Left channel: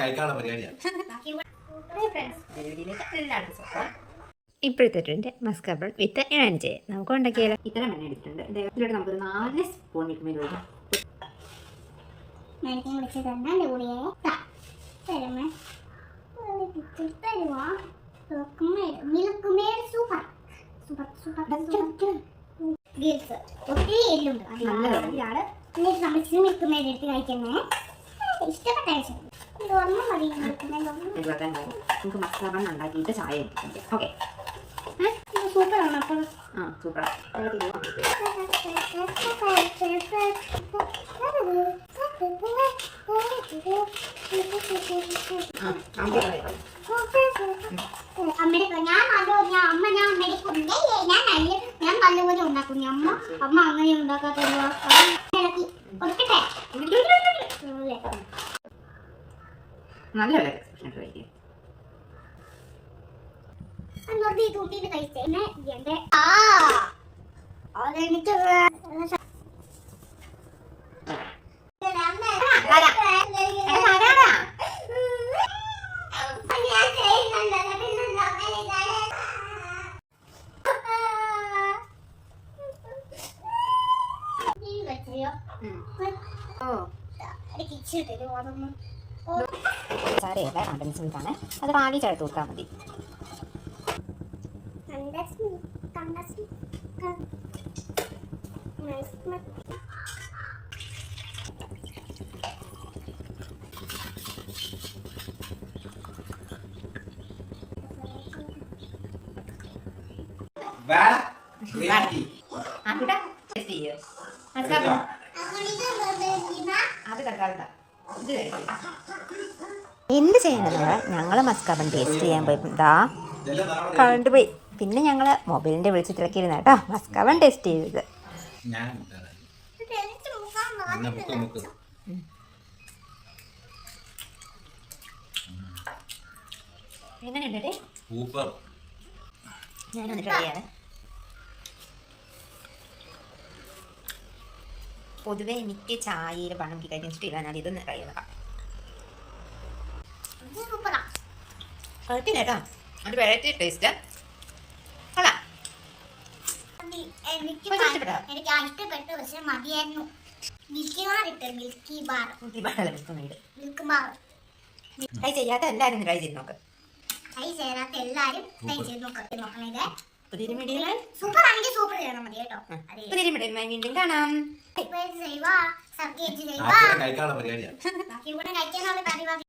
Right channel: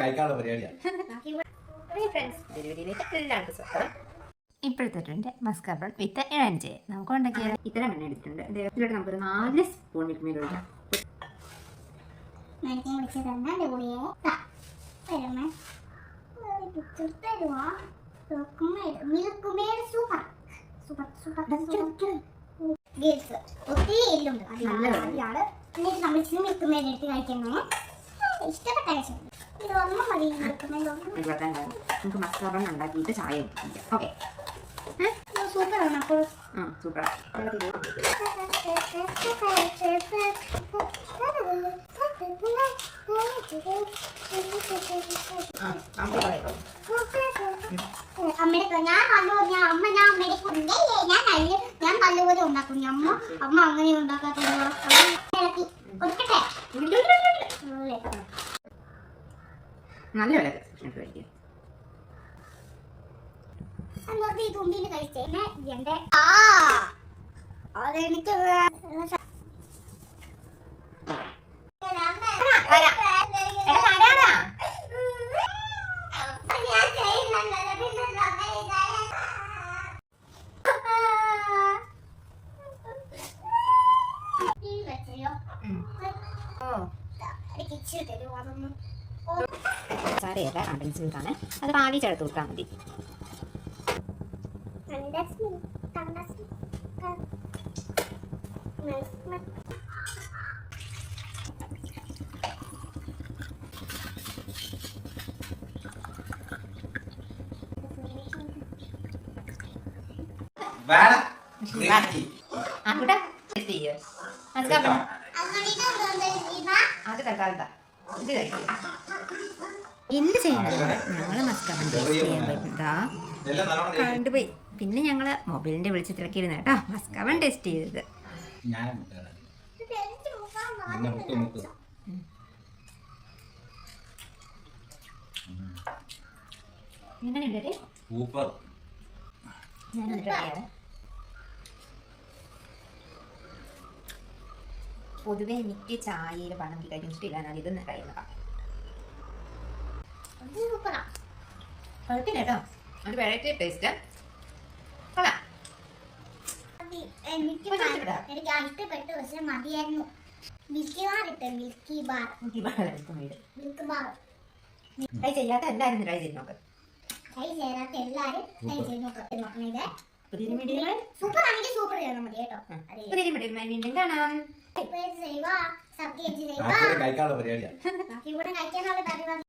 കഴിക്കാനുള്ള പരിപാടിയാണ്. ഇപ്പോഴത്തെ ട്രെൻഡ് മസ്കാബൺ വിത്ത് ഇഴഞ്ച് നമുക്ക് ഉണ്ടാക്കിയാലോ. ഇത്തരം എണ്ണ എടുത്തിട്ടുണ്ട്. ഇതിലോട്ട് നമുക്കൊരു 4 സ്പൂൺ മിൽക്ക് മെയ്ഡ് ഒഴിക്കാം. നമുക്ക് മസ്കാബൺ ഉണ്ടാക്കിയിട്ട് ചായ ഇട്ടിട്ടുണ്ട്. ഓക്കെ, സൂപ്പറാണ്. അപ്പോൾ സൂപ്പർ. ഞാൻ നല്ലപോലെ ഉണ്ടാക്കും. അമ്മ അങ്ങനെ ഉണ്ടാക്കാത്ത നല്ല കഴിക്കും. തുണ്ടിന് കഴിച്ചേ അതെനിക്ക് സാരയല്ല, കണ്ടൻസ് മിൽക്കാണ്. അത് പാലി ചേർത്ത് കൊടുത്താൽ മതി. എന്ത് ചെയ്യണമെന്ന് ഞങ്ങൾ മസ്കാബൺ ടേസ്റ്റ് ചെയ്യാൻ പോയി കണ്ടുപോയി. പിന്നെ ഞങ്ങൾ മൊബൈലിൻ്റെ വിളിച്ച് തിരക്കിയിരുന്ന കേട്ടോ മസ്കാബൺ ടേസ്റ്റ് ചെയ്തത്. എങ്ങനെയുണ്ട്? സൂപ്പർ. ഞാനൊന്ന് ട്രൈ ചെയ്യാതെ. പൊതുവെ എനിക്ക് ചായയിൽ പണം കഴിക്കാൻ ഇഷ്ടമില്ല. ഞാൻ ഇതൊന്ന് ട്രൈ ചെയ്തേക്കാം. കുഴപ്പമില്ല കേട്ടോ, അത് വെറൈറ്റി ടേസ്റ്റ്. എനിക്ക് ഇഷ്ടപ്പെട്ടു. പക്ഷെ മതിയായിരുന്നു. മിൽക്കി ബാർ ഇട്ട് മിൽക്കി ബാർ ട്രൈ ചെയ്യാത്ത എല്ലാവരും ട്രൈ ചെയ്ത് നോക്ക്. ട്രൈ ചെയ്യാത്ത എല്ലാവരും ട്രൈ ചെയ്ത് നോക്കണം. ഇത് പുതിയൊരു വീഡിയോ സൂപ്പർ ആണെങ്കിൽ സൂപ്പർ ചെയ്യണം മതി കേട്ടോ. പുതിയൊരു വീഡിയോ വീണ്ടും കാണാം. കഴിക്കാനുള്ള പരിപാടിയാണ്. കഴിക്കാനുള്ള പരിപാടി